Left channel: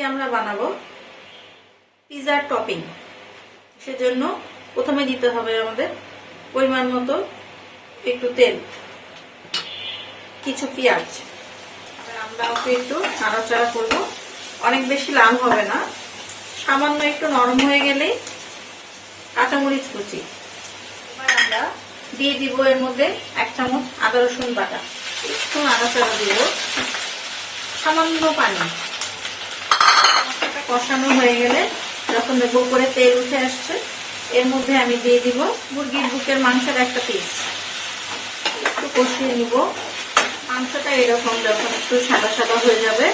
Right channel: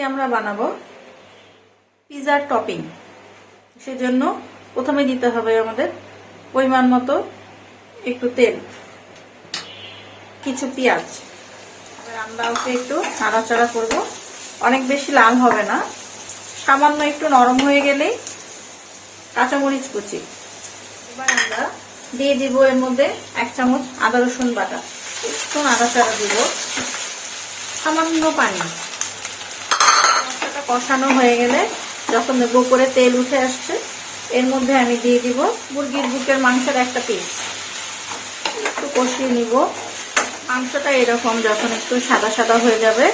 আজকে আমরা বানাবো পিৎজার টপিং। সেজন্য প্রথমে দিতে হবে আমাদের পরিমাণ মতো একটু তেল, কিছু পেঁয়াজ, আমরা একটু নাড়াচাড়া করব। অনেক বেশি লাল হবে না, সামান্য একটু নরম হয়ে গেলেই কাঁচামরিচ কুচি। এবার আমরা দিয়ে দিব এর মধ্যে 1 চামচ আদা রসুন বাটা, একটু নাড়াচাড়া দিব, সামান্য পানি। কষানো হয়ে গেলে যখন দেখবো করে তেল উঠে আসছে, এর মধ্যে আমি দিয়ে দিব মুরগির বুকের মাংসের একটা পিস। একটু কষিয়ে নিব। মাংসটা এরকম যখন একটু সাদা সাদা হয়ে যাবে,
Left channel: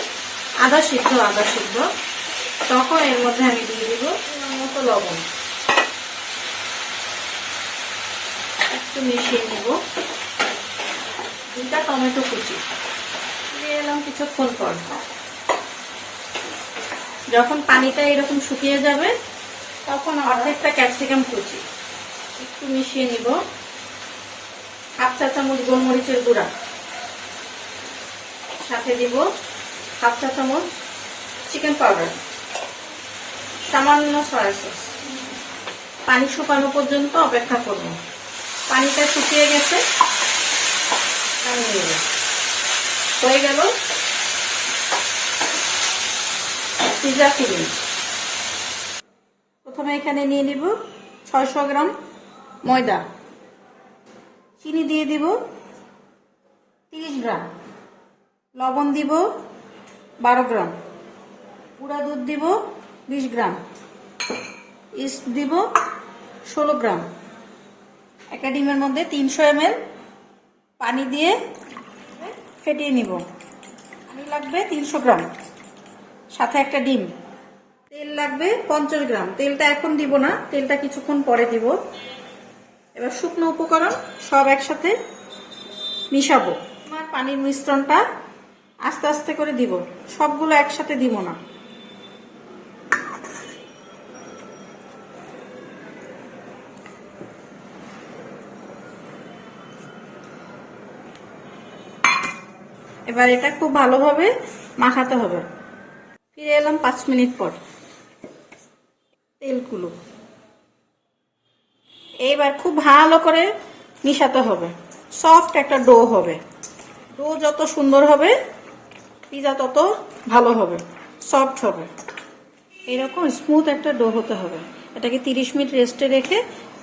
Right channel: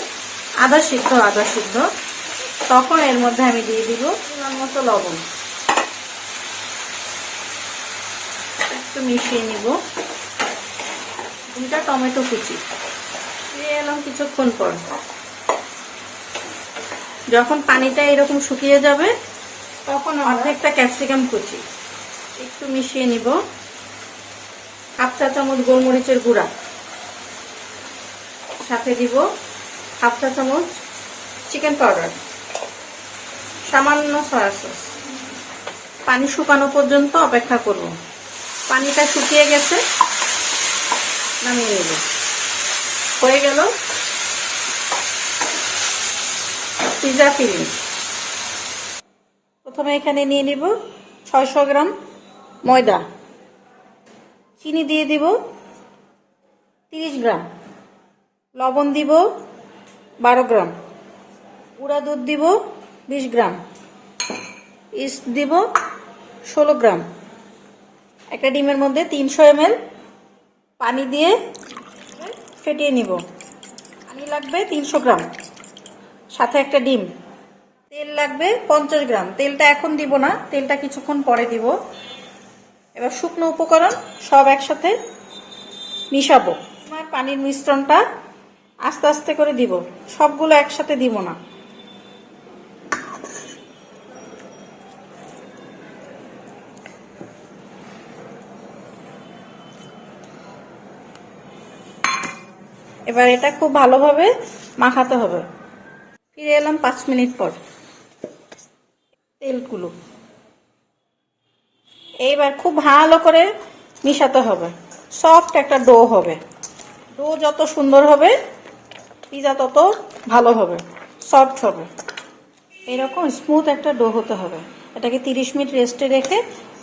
আদা সিদ্ধ, তখন এর মধ্যে আমি দিয়ে দিব পরিমাণ মতো লবণ। একটু মিশিয়ে নিব। 2টা টমেটো কুচি দিয়ে এলাম কিছুক্ষণ পর। যখন পানিটা এরকম শুকিয়ে যাবে, তখন অর্ধেকটা ক্যাপসিকাম কুচি একটু মিশিয়ে নিব। 1/2 চা চামচ গোলমরিচের গুঁড়া, সাথে দিব 1/2 চা চামচ চিকেন পাউডার, সামান্য সয়া সস। পানি শুকানো পর্যন্ত অপেক্ষা করব। পানিটা শুকিয়ে গেছে, নামিয়ে নেব। হয়ে গেল পিৎজা ফিলিং। প্রথমে এখানে নিয়ে নিব 600 গ্রাম ময়দা, চিনি দিয়ে দিব 30 গ্রাম, লবণ দিব 12 গ্রাম, গুঁড়া দুধ দিব 20 গ্রাম, ইস্ট দিব 16 গ্রাম। একটা ডিমের মধ্যে 300 ml পানি দিয়ে ফেটিয়ে নিব। পানি লাগবে 300 গ্রাম, সাথে একটা ডিম। তেল লাগবে 50 গ্রাম। তেলটা এখন দিব না, তেলটা কিছুক্ষণ পরে দিব। এবার শুকনো উপকরণ সব একসাথে মিশাবো। আমার পানির মিশ্রণটা আস্তে আস্তে করে দিব, সবগুলো একসাথে দিব না। এবার এটা খুব ভালোভাবে মাখাতে হবে। ফিরে এলাম 5 মিনিট পর। তেলগুলো এইবার খুব ভালো করে মিশাতে হবে। সফট একটা ডো হবে। ডো যত সুন্দর হবে, পিৎজা তত ভালো হবে, সফট হবে। এরকম স্মুথ একটা ডো হতে হবে। এটাকে 30 মিনিট রেস্টে রেখে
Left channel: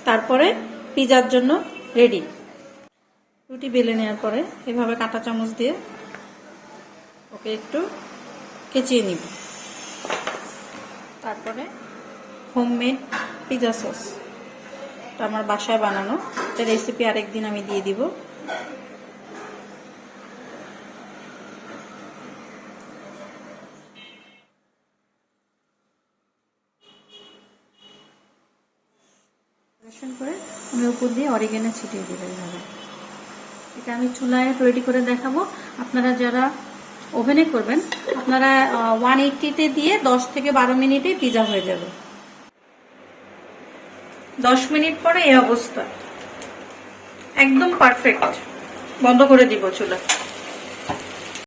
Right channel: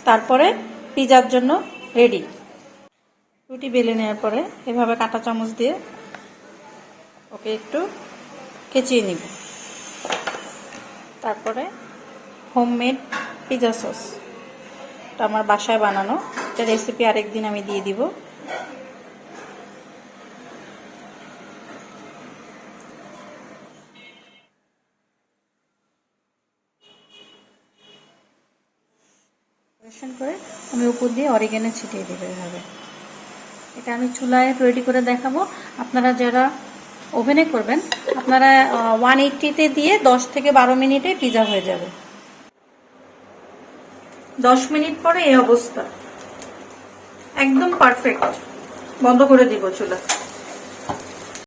তারপরে পিৎজার জন্য রেডি। রুটি বেলে নেওয়ার পরে এভাবে কাঁটা চামচ দিয়ে ওকে একটু কেচিয়ে নিব। তারপরে হোমমেড পিৎজা সস, এটা আমার বাসায় বানানো। এটা রেসিপি আরেকদিন আমি দিয়ে দিব। করে আমি উপর দিয়ে অরিগেনো ছিটিয়ে দিব। এইভাবে এটা আমি চুলায় রেডি করে দেখাবো। আপনারা যারা ওভেনে করবেন, আপনারা 180-তে দিয়ে 10 থেকে 12 মিনিটে পিৎজা হয়ে যাবে। 10 মিনিট পরে এই অবস্থা, একদম পারফেক্ট। বন্ধ করে দিব চুলা।